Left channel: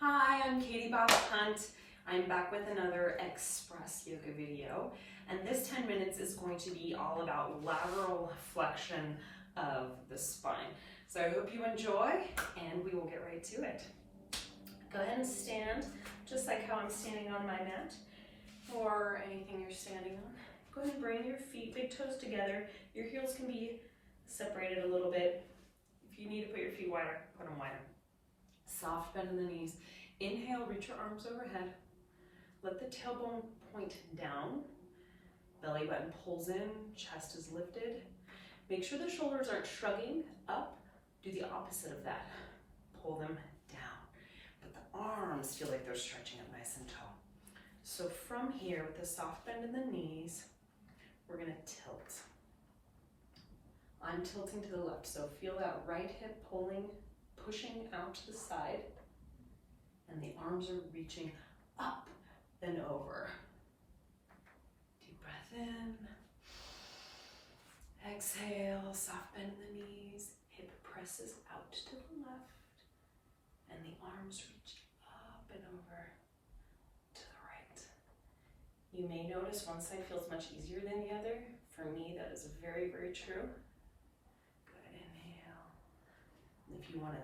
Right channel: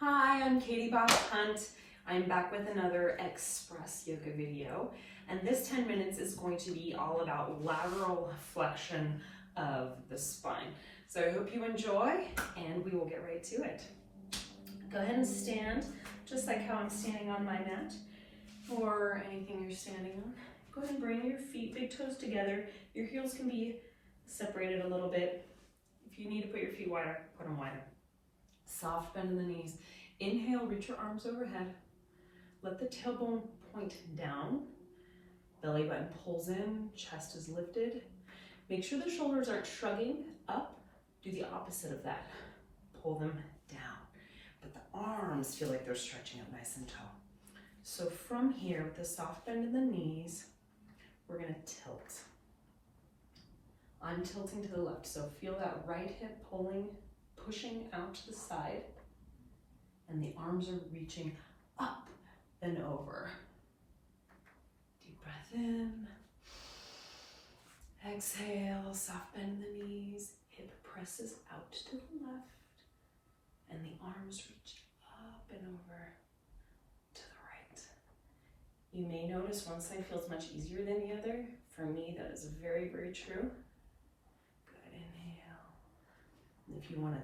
Hi, I'm Katie Hunt. I'm back with another Express Yoga video, and this 10 minutes is going to be all about lateral flexion of the spine. So I hope you enjoy, and we will get right to it. Go ahead and stand, just like how I'm standing on my mat, or anything you're standing on. Go ahead and bring your feet, big toes together. Your heels can be separated a little bit. If you need to put your feet wider, put them wider. Soft bend in the knees. Inhale, reach your arms overhead. Let the tailbone point down. Belly button pulls in, chest is lifted. Make sure the shoulders aren't shrugging up. Do the opposite of that. Pull them down. But the arms feel like they're stretching up nice and tall. So from here, with the soft bend in the knees, we're gonna tilt. I'm tilting to the left, so feel that right hip pushing out to the side, and the arms are reaching up and over. Deep breath in. Exhale, soft bend in the knees, hip presses out to the left, and the arms reach up and over to the right. You may notice one side feels much easier than the other. For me, that is very, very true. Good, inhale. If you want to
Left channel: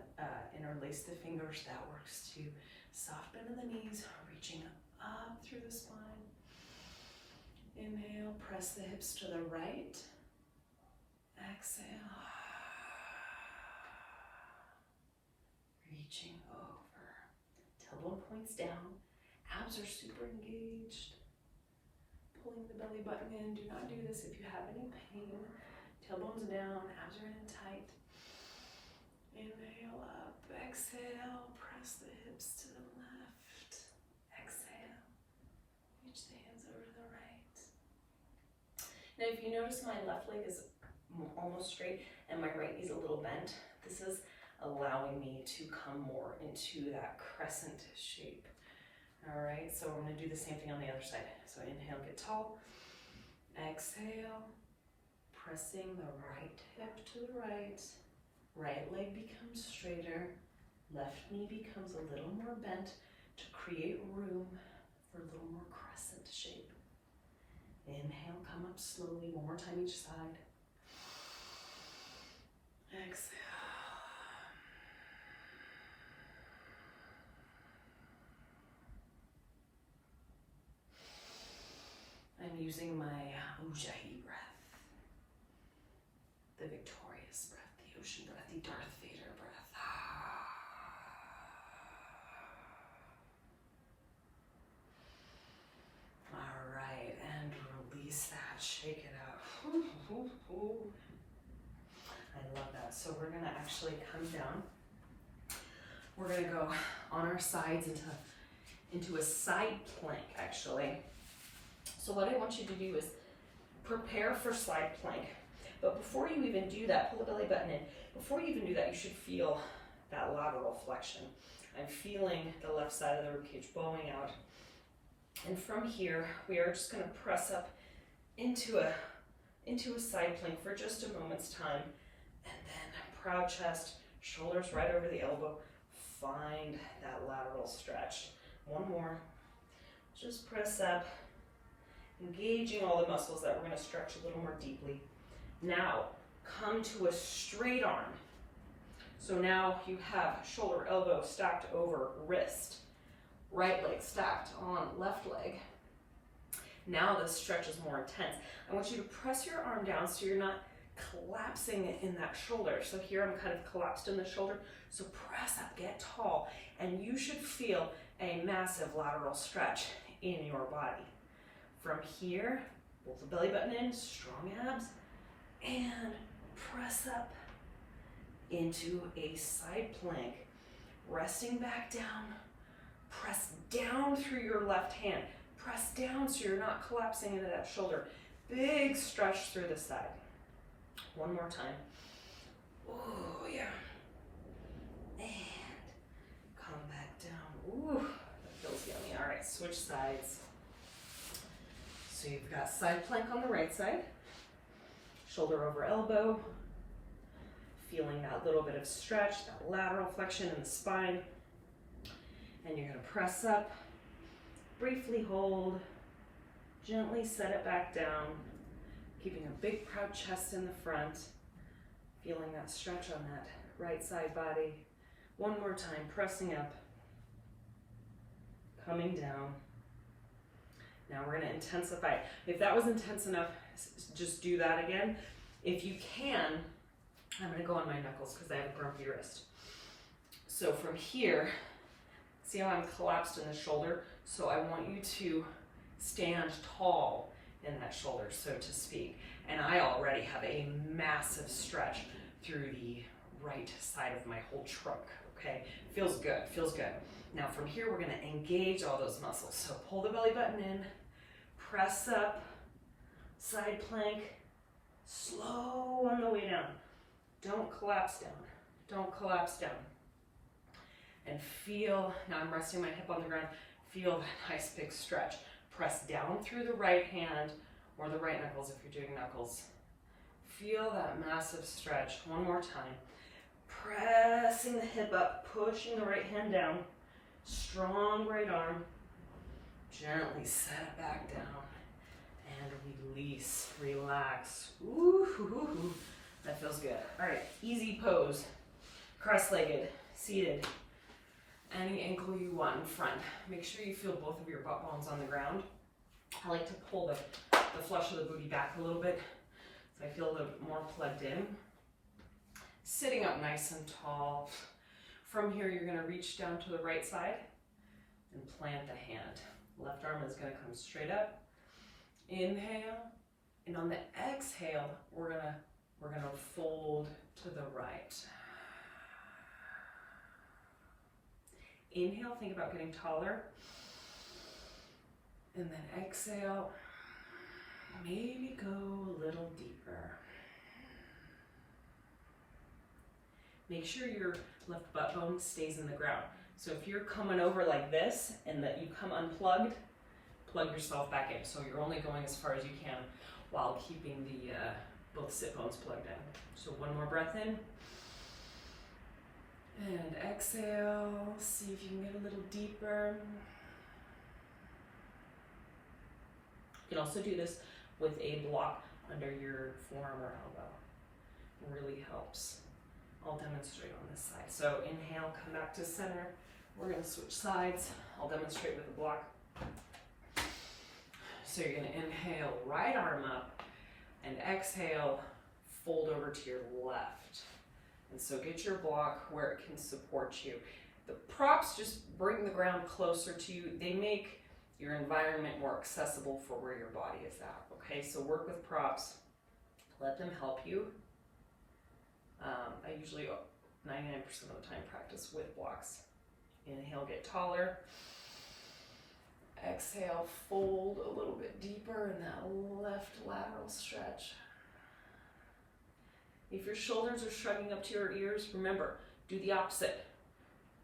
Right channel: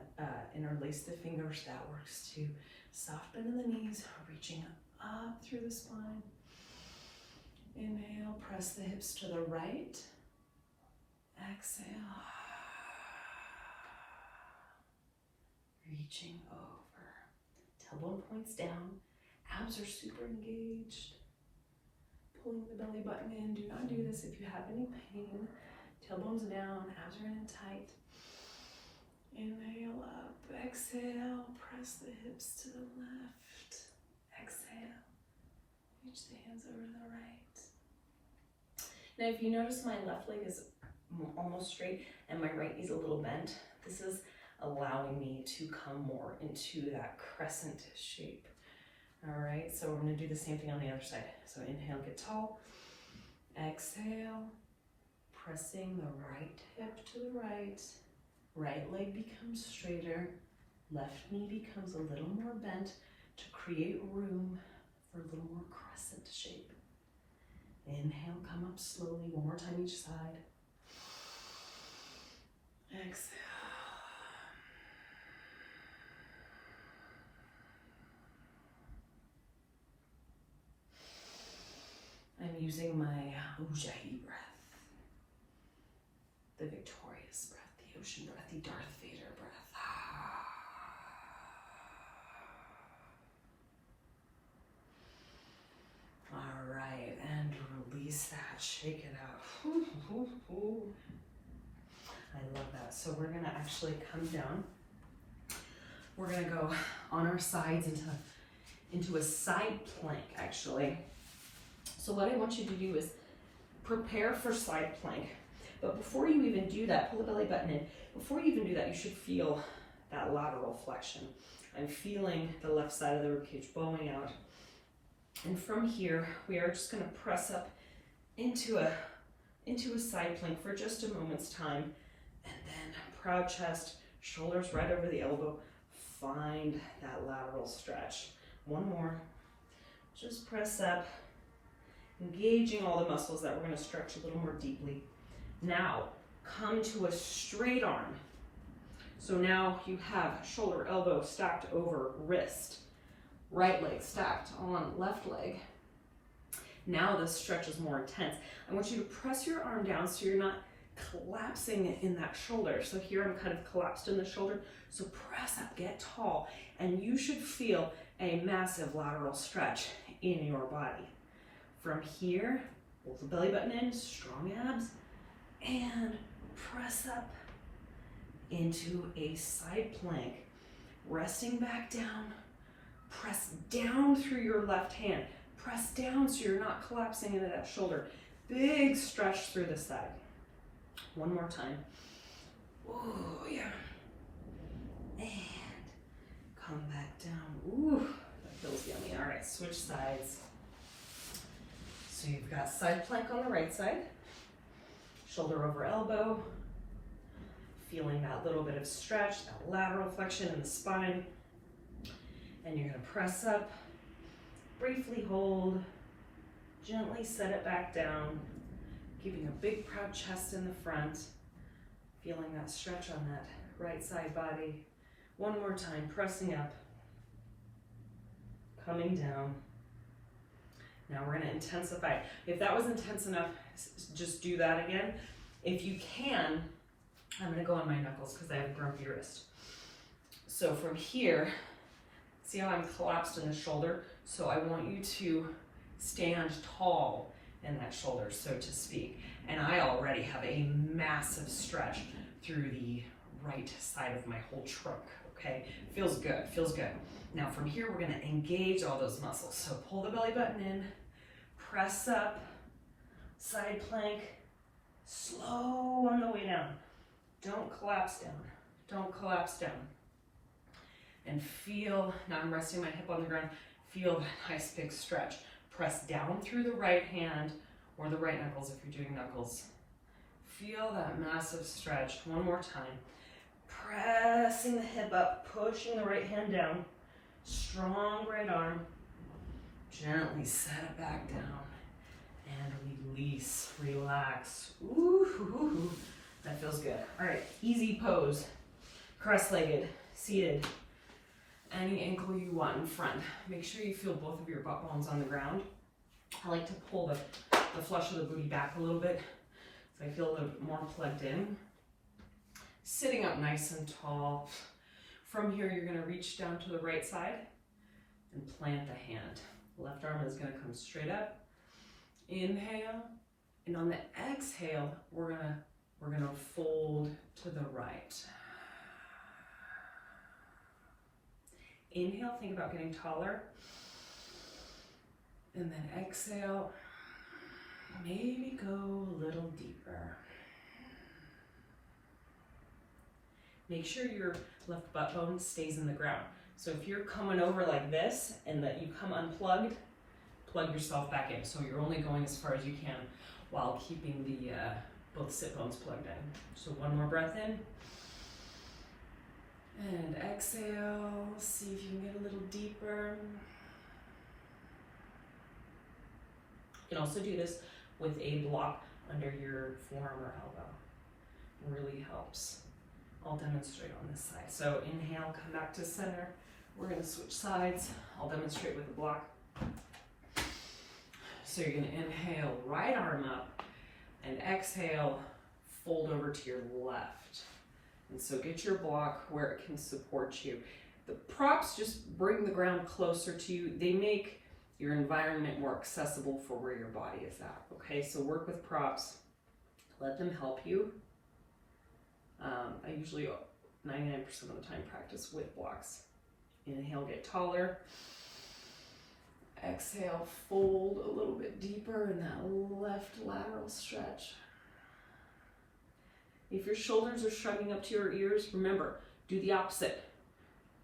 interlace the fingers, that works too. Soft bend in the knees, reaching up through the spine. Inhale, press the hips to the right. Exhale. Reaching over. Tailbone points down. Abs are super engaged. Pulling the belly button in. Do not do this if you have any pain. Tailbone's down, abs are in tight. Inhale up, exhale, press the hips to the left. Exhale, reach the hands over to the right. Now if you notice my left leg is almost straight and my right knee's a little bent, this is allowing me to come more into that crescent shape. All right, so we're gonna do the same thing on the other side. So inhale, get tall. Exhale, pressing the right hip to the right. Right leg becomes straighter, left knee becomes a little more bent to create room for a little more crescent shape. Inhale, come up slowly, one more time each side. Exhale. I'm using my Ujjayi breath, the victorious breath, the ocean breath, the Darth Vader breath. All right, and release that, shake it out. I love that. So we're gonna actually come down. We're gonna go on our sides into a side plank, actually. So what I want you to do is prepare for side plank. But before you even do that, pull the belly button in. Before you even do that, you should feel that lateral flexion. I'm feeling the left side of the ribcage bowing out. And from here, we are just gonna press up into a side plank for just a moment's time. And then proud chest, shoulders right over the elbow. Find that lateral stretch. One more. Just press up, engaging all the muscles that we're gonna stretch a little more deeply. Now, come to a straight arm. So now you have shoulder, elbow stacked over wrist, right leg stacked on left leg. Now the stretch is more intense. I want you to press your arm down so you're not collapsing in that shoulder. So here I'm kind of collapsed in the shoulder. So press up, get tall, and you should feel a massive lateral stretch in your body. From here, pull the belly button in, strong abs, and press up into a side plank. Resting back down, press down through your left hand. Press down so you're not collapsing into that shoulder. Big stretch through the side. One more time. Oh, yeah. And come back down. Ooh, that feels yummy. All right, switch sides. So you've got side plank on the right side, shoulder over elbow, feeling that little bit of stretch, that lateral flexion in the spine. And you're gonna press up, briefly hold, gently set it back down, keeping a big proud chest in the front, feeling that stretch on that right side body. One more time, pressing up, coming down. Now we're gonna intensify. If that was intense enough, just do that again. If you can, I'm gonna go on my knuckles because I have a grumpy wrist. So from here, see how I'm collapsed in the shoulder? So I want you to stand tall in that shoulder, so to speak. And I already have a massive stretch through the right side of my whole trunk, okay? Feels good, feels good. Now from here, we're gonna engage all those muscles. So pull the belly button in, press up, side plank, slow on the way down. Don't collapse down, don't collapse down. And feel, now I'm resting my hip on the ground, feel that nice big stretch. Press down through the right hand or the right knuckles if you're doing knuckles. Feel that massive stretch. One more time. Pressing the hip up, pushing the right hand down. Strong right arm. Gently set it back down and release, relax. Ooh, that feels good. All right, easy pose. Cross-legged, seated. Any ankle you want in front. Make sure you feel both of your butt bones on the ground. I like to pull the flesh of the booty back a little bit so I feel a little bit more plugged in. Sitting up nice and tall. From here, you're gonna reach down to the right side and plant the hand. Left arm is gonna come straight up. Inhale, and on the exhale, we're gonna fold to the right. Inhale, think about getting taller. And then exhale, maybe go a little deeper. Make sure your left butt bone stays in the ground. So if you're coming over like this and that you come unplugged, plug yourself back in. So you're only going as far as you can while keeping the both sit bones plugged in. So one more breath in. And exhale, see if you can get a little deeper. You can also do this with a block under your forearm or elbow. It really helps. I'll demonstrate on this side. So inhale, come back to center. We're gonna switch sides. I'll demonstrate with the block. So you're gonna inhale, right arm up, and exhale, fold over to your left. And so get your block where it can support you. The props just bring the ground closer to you. They make your environment more accessible for where your body is at, okay? So work with props, let them help you. I usually 99% of the time practice with blocks. Inhale, get taller. Exhale, fold a little bit deeper in that left lateral stretch. If your shoulders are shrugging up to your ears, remember, do the opposite.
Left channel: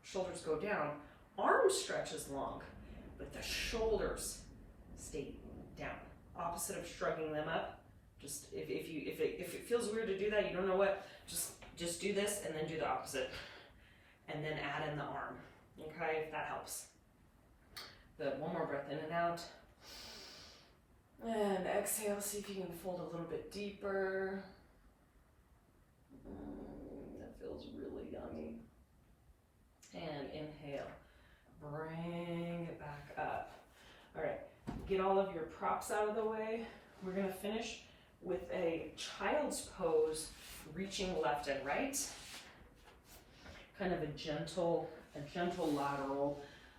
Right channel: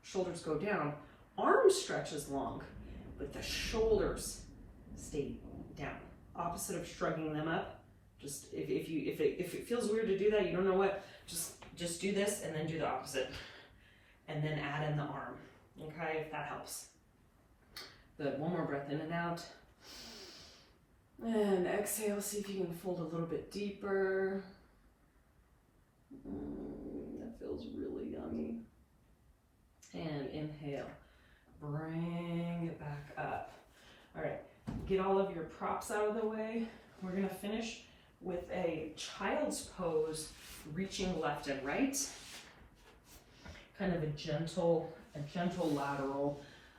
Shoulders go down, arms stretch as long, but the shoulders stay down. Opposite of shrugging them up. Just if it feels weird to do that, you don't know what, just do this and then do the opposite. And then add in the arm, okay, if that helps. One more breath in and out. And exhale, see if you can fold a little bit deeper. That feels really yummy. And inhale, bring it back up. All right, get all of your props out of the way. We're gonna finish with a child's pose, reaching left and right. Kind of a gentle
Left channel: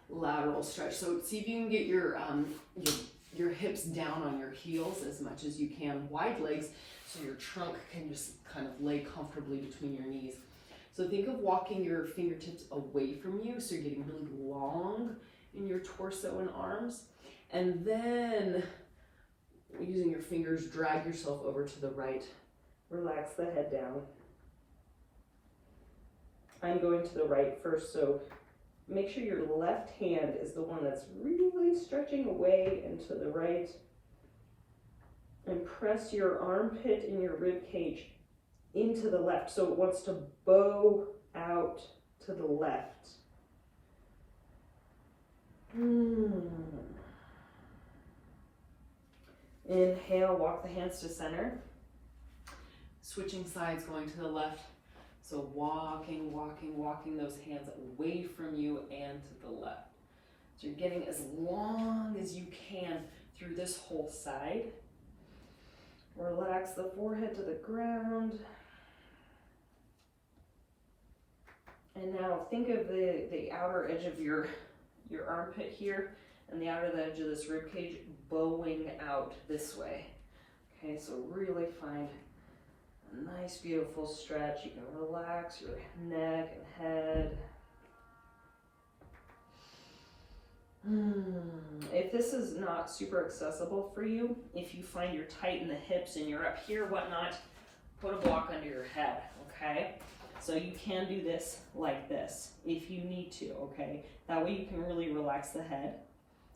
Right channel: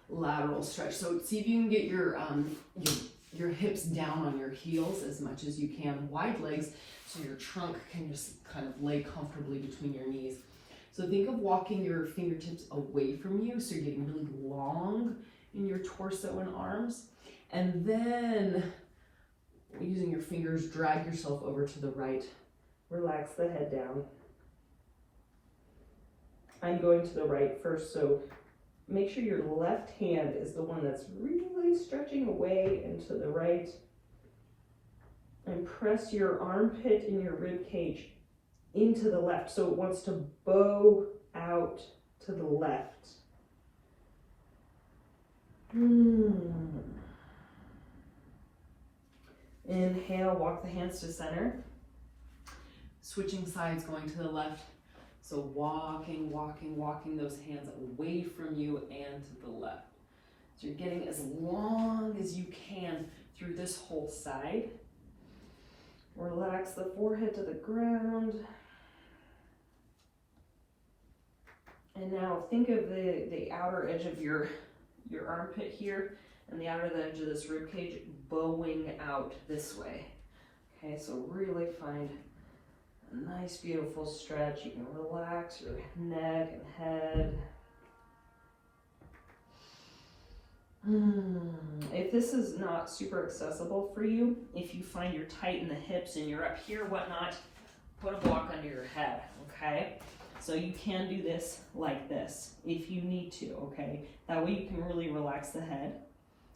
lateral stretch. So see if you can get your hips down on your heels as much as you can. Wide legs, so your trunk can just kind of lay comfortably between your knees. So think of walking your fingertips away from you, so you're getting really long in your torso and arms. And then using your fingers, drag yourself over to the right. Relax the head down. I'm going to the right first, so make sure your left hand is the one that's really stretching away into the right. And press your armpit and your rib cage into the left. So it wants to bow out to the left. Inhale, walk the hands to center. Switching sides, going to the left. So walking, walking, walking those hands away from you and to the left. So you're getting as long as you can through this whole side. Relax the forehead to the ground. And now think of the outer edge of your armpit here and the outer edge of this rib cage bowing out this way. Okay, so really find a nice, beautiful stretch. You can relax your neck and head. If this is not super accessible for you, if you find you're tight in the hips and you're up here, whatnot, put a block under your head, okay? So you can do this like this if you need to, okay? That way you can really relax the head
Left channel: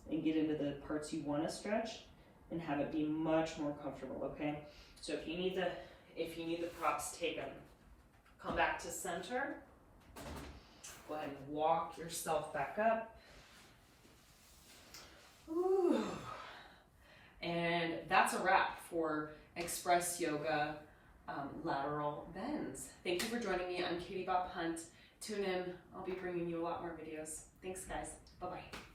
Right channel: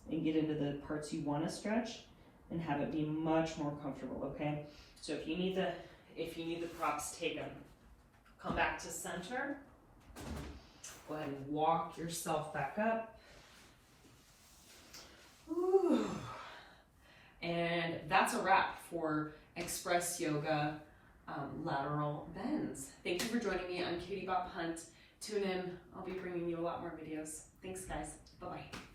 and get into the parts you want to stretch and have it be much more comfortable, okay? So if you need the props taken, come back to center. Go ahead and walk yourself back up. Ooh. And that's a wrap for Express Yoga lateral bends. Thank you for joining me. I'm Katie Bob Hunt. Tune in. I'll be bringing you a lot more videos. Thanks, guys. Bye-bye.